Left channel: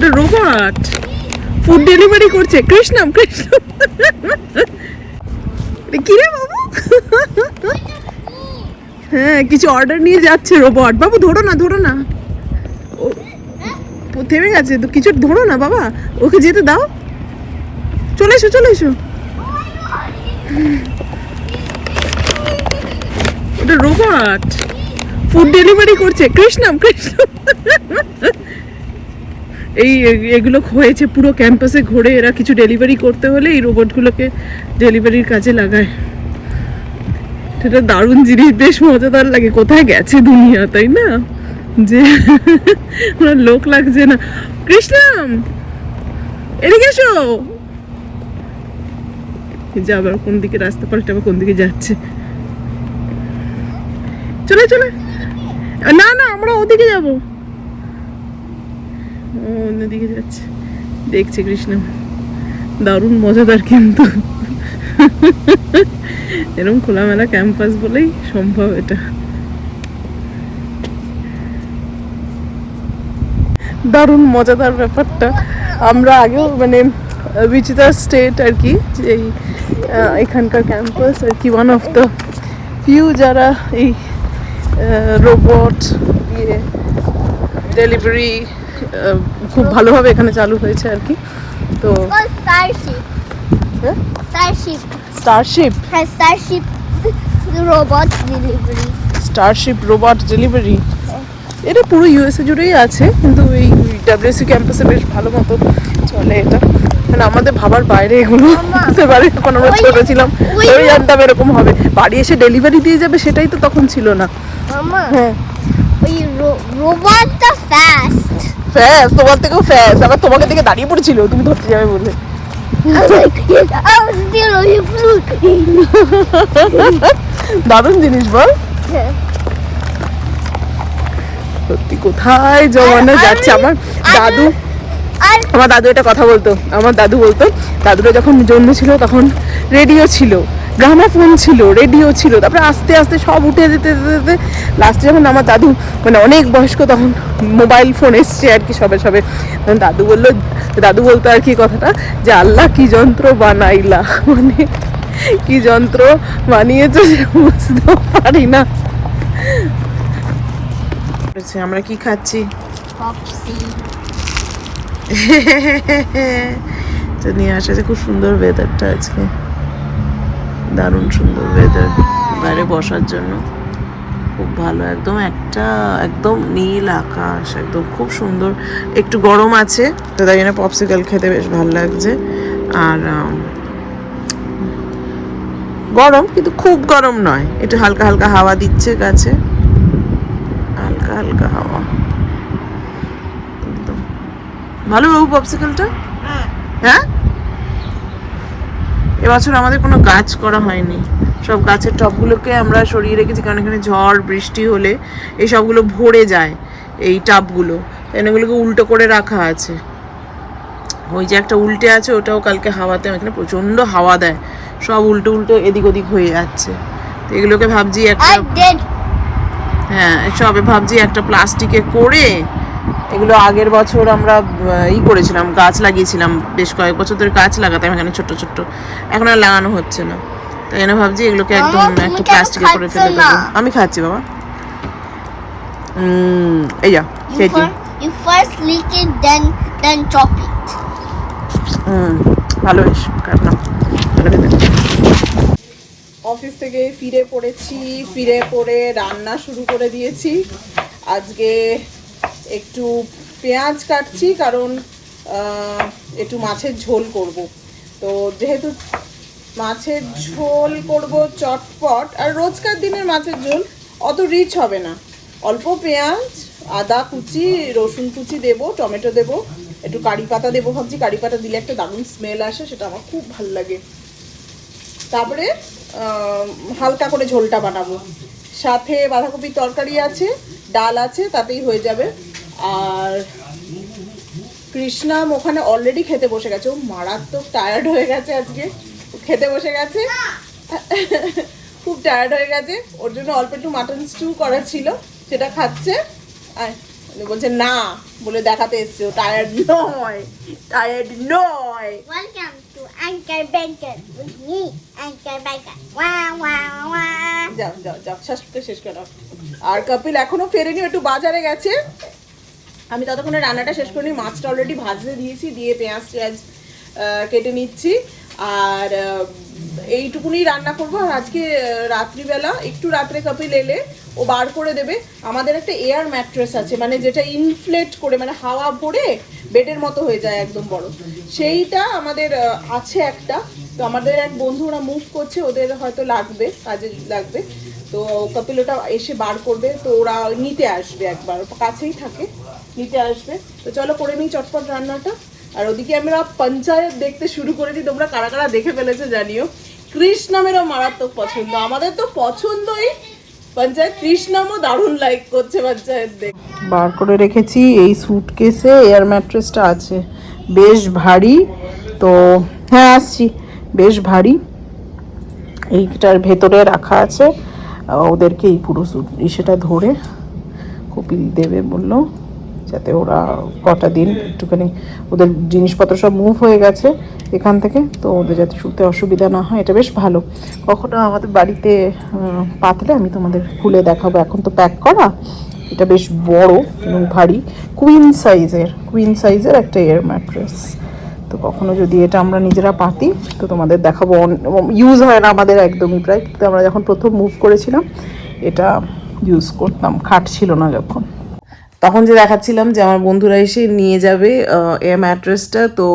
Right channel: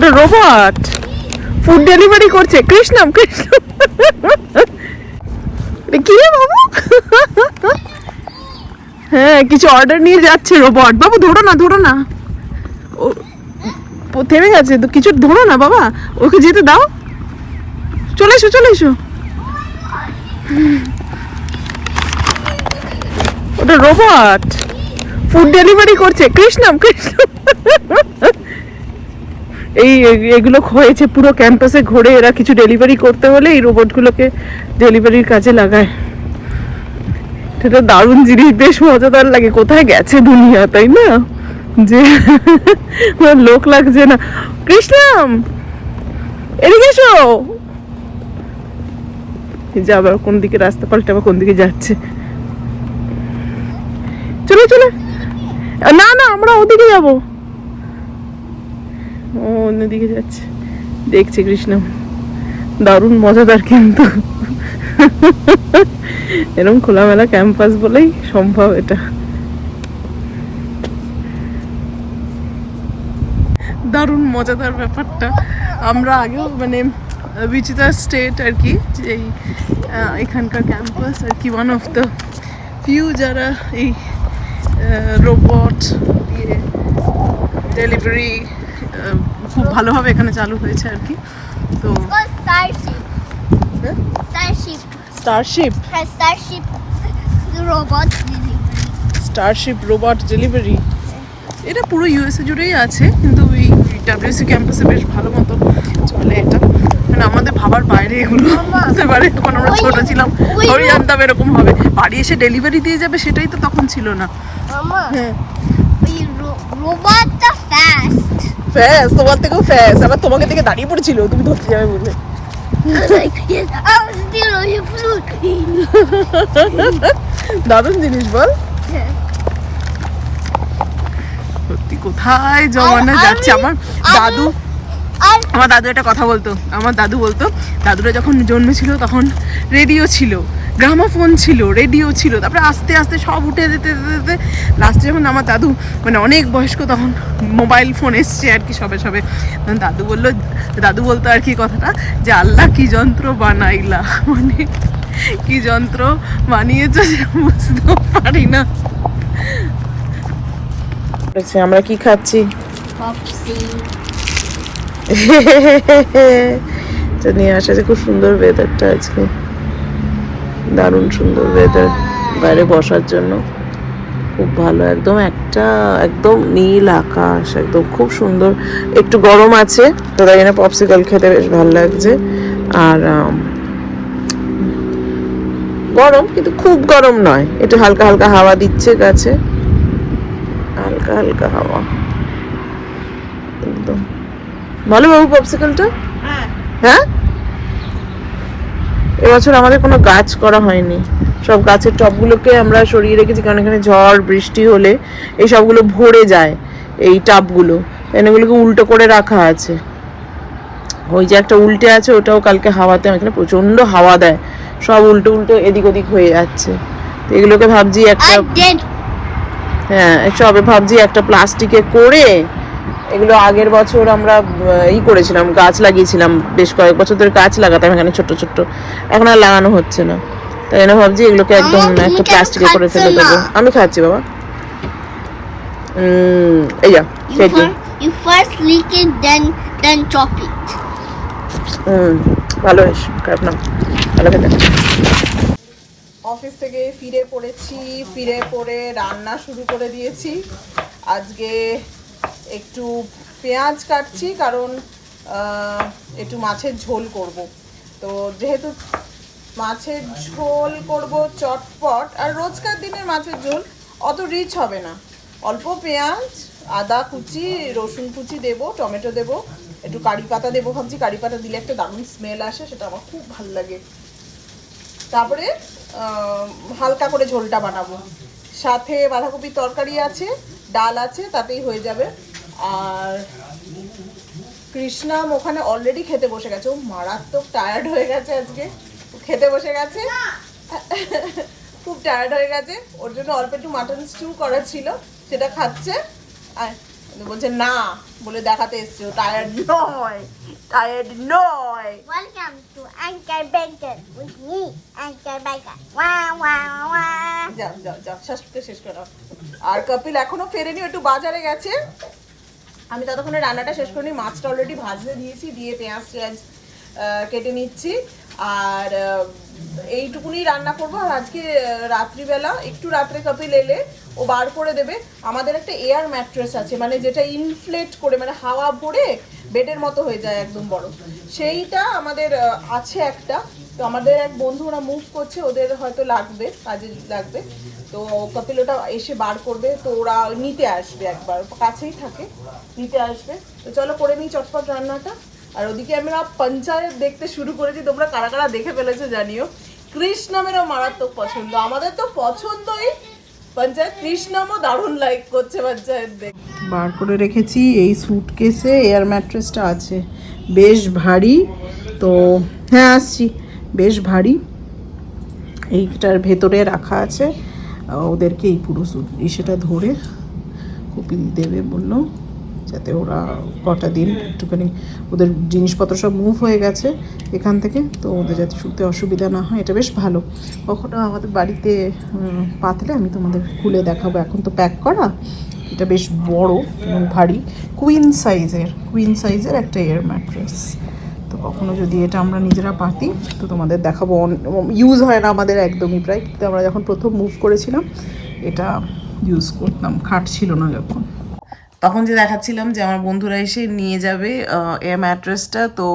ওটা robot food delivery করছে। কৃষ্ণম কৃষ্ণ কি রে বাবু? হ্যাঁ কিছু অর্ডার নিয়ে যাচ্ছে রোবট বাবু, ধরো না ধরো না। ও- থেমে গেছে তো, কিছু ধরো না বাবা। ওকে যেতে দাও। চলে এসো চলে এসো। ওটা রোবট ফুড ডেলিভারি করছে। কৃষ্ণম কৃষ্ণ এই এগুলো হয়েছে, পুরো ক্যাম্পাসে ঘুরে এরা কিছু ডেলিভারি করতে হলে এই রোবটগুলোকে ডেলিভারির কাজে লাগায়। সেটা দারুণ জিনিস, বেশ মজাদার লাগে। কোথায় গেছে দুনিয়া, তাই না? যে লোক লাগছে না। কৃষ্ণম, এদিকে এসো। যে আবার কোন দিকে রাস্তা পাল্টে, আবার কোন দিকে যাচ্ছে। চলে চলে। না না, আমরা ওদিকে যাব। ও অন্যদিকে যাচ্ছে। দেখছে কৃষ্ণ। দারুণ, মজাদার কিন্তু। এরকম খোলামেলা ক্যাম্পাস বলেই সম্ভব এটা। দারুণ, মজাদার ব্যাপারটা। আমরা আগেও মানে বিচিতা স্টেট আর কি, এই এখানকার ক্যাম্পাস আর কি ওয়ান অফ দ্য ফিউ যারা এই রোবট দিয়ে ডেলিভারি খুব ভালোভাবে এখানে চালু হয়েছে আর কি। তো. Huh? Starship. Starship Starship. Robot Starship robot delivery এটা পুরো ইউএসএ জুড়েই আছে কিন্তু এই ডাব্লিউসি ক্যাম্পাসে বেশ ভালো মতো চলে এটা। মানে আমাদের ভাবার বাইরে এগুলো হতে পারে যখন আমরা ছোট ছিলাম। তবে জানতাম এরকম হবে। বাড়ি এসে ডেলিভারি দিয়ে যাবে সেটাই তো তখন ছিল না। হ্যাঁ। The তোমার থেকেও আবার থেকে দাঁড়িয়ে পড়েছিল। তুমি ধরতে যাবে বলে. দারুণ জিনিস বল। সত্যি কোথায় জমানো যাচ্ছে? আমার দাদু আমার দাদু এটা কথা বলতো। আমার দাদু বলতো দাদুরা যখন জন্ম ছিল তখন রেডিও ছিল। গ্রামাফোন ছিল রেডিও ছিল তারপরে আস্তে আস্তে সব উঠে যেতে যেতে যেতে লাস্টে যখন আমার দাদু মানে অনেক বয়স্ক তখন মোবাইল ফোন এসছে আর কি সবে সবে। তখন দাদু বলল দাদু বলতো আর কি কথাটা যে আল্লাহ কি যন্ত্র বানাইলা মানে কি যন্ত্র বানিয়েছে যে বুঝতেও পারি না। আমরা কি খাচ্ছি? নিয়ে আসা যে খুব সুন্দর ওয়েদারটা আজকে। দারুণ সুন্দর ওয়েদার বাইরে বসার জন্য খুব ভালো একদম একটা একদম নীল আকাশ একদম খুব সুন্দর। একটু গরম আছে তো তাই জন্য পপসিকল খেতে বেশ ভালো লাগছে। আর গরম কিন্তু খুব গরম নয়। একটু হালকা হালকা হাওয়া দিচ্ছে গাছে। হালকা হালকা হাওয়া। একদম। ভালো বাবু পপসিকলটা হ্যাঁ? এবছর আমাদের কোনো গাছ করা হয়নি। সব গাছের টবগুলোকে আমরা সরিয়ে রেখেছি কারণ এখানে ঝড় বৃষ্টি হলে এই সবগুলো ভরে যায় এই টাবগুলো। এগুলোকে উল্টো করে রাখা আছে। ওই যে একটা উল্টে আছে ওটাও কালকে হাওয়াতে এখানে প্রচণ্ড হাওয়া দেয়। সব উল্টো উল্টো এদিক ওদিক হয়ে যাচ্ছে। তো এগুলোকে ভাবছি একটা হ্যাঁ সবে ভাবছি একটা প্লাস্টিকে করে এগুলো আগের বছর আমরা ই করেছিলাম গাছ লাগিয়েছিলাম বেশ কয়েক বছর ধরে গাছ লাগাতাম এখানে ছোট ছোট এখন আর লাগানো হচ্ছে না। তাই জন্য ভাবছি এগুলোকে একদম একটা প্লাস্টিকে করে ফেলে দেবো। আমি খাচ্ছি বাবা। এই যা খেয়েছি you first lick it, then then chop it. হুম ভালো বেশ খারাপ না। ভালো খেতে। অফিস থেকে ফিরে পড়েছি ফিরে পড়ে রান্না শুরু করে দিয়েছি। আজকে একটু পেঁয়াজ কাটছি কারণ একটু মাছের ঝোল করব। তো যেহেতু মাছের ঝোল করব চটপট, আর রোজকার দিনের মাছের ঝোল অত রিচ হবে না। অল্প পেঁয়াজ, আদা কুচি, রসুন কুচি দেবো, টমেটো দেবো, একটু কারি পাতা দেবো ভাবছি। কারি পাতা দিলে একটা দারুণ স্মেল আসে, সেটা আমার খুব ভালো লাগে। তারপরে হালকা করে ঝোলটা বানাবো। সাথে বাঁধাকপির তরকারি আছে, ডাল আছে, তাতেই হয়ে যাবে আর কৃষ্ণাম ওখানে অলরেডি খেতে বসে গেছে। ও মারাত্মক টায়ার্ড হয়ে গেছে আজকে। ও খেতে বসে গেছে। খুব টায়ার্ড হয়ে গেছে। ওর জন্য অল্প একটু মাটন স্টু করা ছিল সেটা খাচ্ছে। উনি বলছে না। বলে দেখাতে এসছে। ও টায়ার্ড নয় টায়ার্ড নয়। Wah, wah. যাও যাও যাও শেষ করে আর কপিল এখনও ফেরেনি একটু বাজারে গেছে। আমি ততক্ষণে রান্নাটা শেষ করিনি মাছটা অলরেডি ভাজতে দিয়েছি, দিয়ে পেঁয়াজ টেঁয়াজ কেটে নিচ্ছি। আর এইটুকুনি রান্না করব। আর আজকে রাত্রিবেলা, একটু রাত্রে কপিল এলে ও বার করে দেবে। আমাদের একটা এয়ার ম্যাট্রেস আছে মানে যেটা ইনফ্লেট করে মানে হাওয়া ভরে বেডের মতো হয়ে যায় একদম বড়। সেইটা আমাদের আছে একটা। তো আমাদের এক বন্ধু, ওরা মুভ করছে, ওদের হয়তো লাগবে, কাজে লাগবে। তো কপিল ওটা এসে বার করবে। তো ওরা নিতে আসবে একবার কাছেই থাকে। নিতে আসবে। তো চলো করে নিই চটপট রান্নাটা। আর ওদিকে আমরা পঞ্চায়েত দেখতে শুরু করেছি। তোমরা কারা কারা দেখে ফেলেছো জানিও। কৃষ্ণামেরও মারাত্মক পছন্দ। আমাদের তো পছন্দই পঞ্চায়েত। কৃষ্ণামও দারুণ লাইক করছে পঞ্চায়েত দেখ। বার করে রেখেছি। এই সুটকেসে এয়ার ম্যাট্রেসটা আছে। বেশ ভারী। তো হ্যাঁ আসছি। বেশ ভারী। এইটার ভেতরে রাখা আছে। ওদেরকে এই পুরো সুট সেটা ধরে কপিল দেবে বলল। যাতে ওরা কটা দিন একটুখানি ওদের জিনিসপত্র সব মুভ হয়ে গেছে এখান থেকে, তো ওদের যাতে শুতে অসুবিধা না হয়, এটা বেশ ভালো। কখনো আমাদের বাড়িতে পাতলে আমি তোমাদের খুলে দেখাবো। এখন তো প্যাক করা, এটা বেশ বড় এবং ভারী কুইন সাইজের কুইন সাইজের একটা এয়ার ম্যাট্রেস তো কখনো যদি এটা আমরা নিজেরা পাতি, তো তোমাদের দেখাবো। ইউজ হয় না আমাদের একদমই প্রায়। কিন্তু আমরা যখন প্রথম মুভ করেছিলাম, এটা ইউজ করতাম। খাট ছিল না যখন। তখন যে দেখাচ্ছিলাম যে আমার বন্ধুরা এসে নিয়ে যাবে এ ম্যাট্রেসটা তো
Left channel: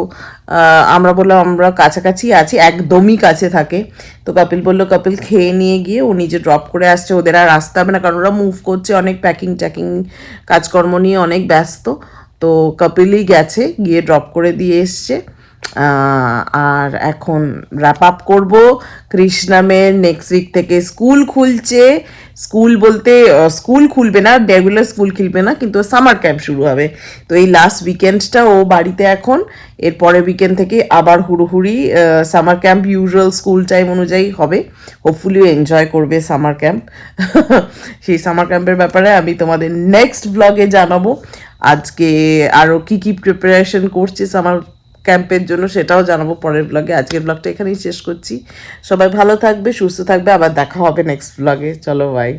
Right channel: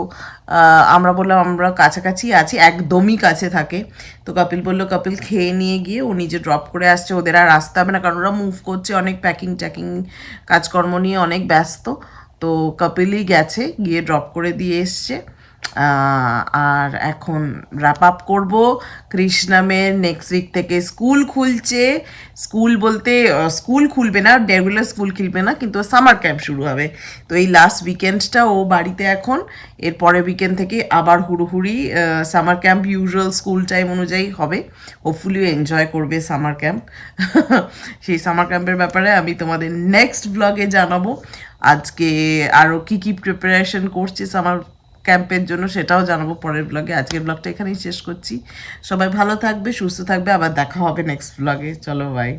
আমরা বললাম আমরা কাছাকাছি আছি, একদমই কাছে থাকে। তো কপিল বলল, কপিল, খেয়ে নিয়ে গিয়ে ও নিজে ড্রপ করে আসছে, ওদের আর আসতে হবে না, কারণ ওরা মুভ করছে, অনেক প্যাকিং ট্যাকিং কাজকর্ম নিয়ে অনেক ব্যস্ত। তো কপিলই গেছে, গিয়ে ড্রপ করে দিয়ে এসছে। আর এখন র্যাপ আপ করব। কৃষ্ণামের নেক্সট উইক থেকে স্কুল খুলছে। স্কুল বলতে স্কুল খুলবে না রেগুলার স্কুল খুলবে না, কিন্তু সামার ক্যাম্প শুরু হবে। তো এই লাস্ট উইকেন্ডটা ও বাড়িতে এখন। এর পরের উইকেন্ড থেকে আবার হুড়োহুড়ি summer camp usual school time অনুযায়ী হবে। হোপফুলি এনজয় করবে সামার ক্যাম্প সেই সামার ক্যাম্পের ব্যাপারে আমি তোমাদের নেক্সট ব্লগে জানাব। আজকে আরও কী কী প্রিপারেশন করছে সামার ক্যাম্পের জন্য সেটাও জানাব পরের ব্লগে আজকের ব্লগটা এখানেই শেষ করছি। সবাই ভালো থাকবে, সুস্থ থাকবে। আবার দেখা হবে নেক্সট ব্লগে চলো বাই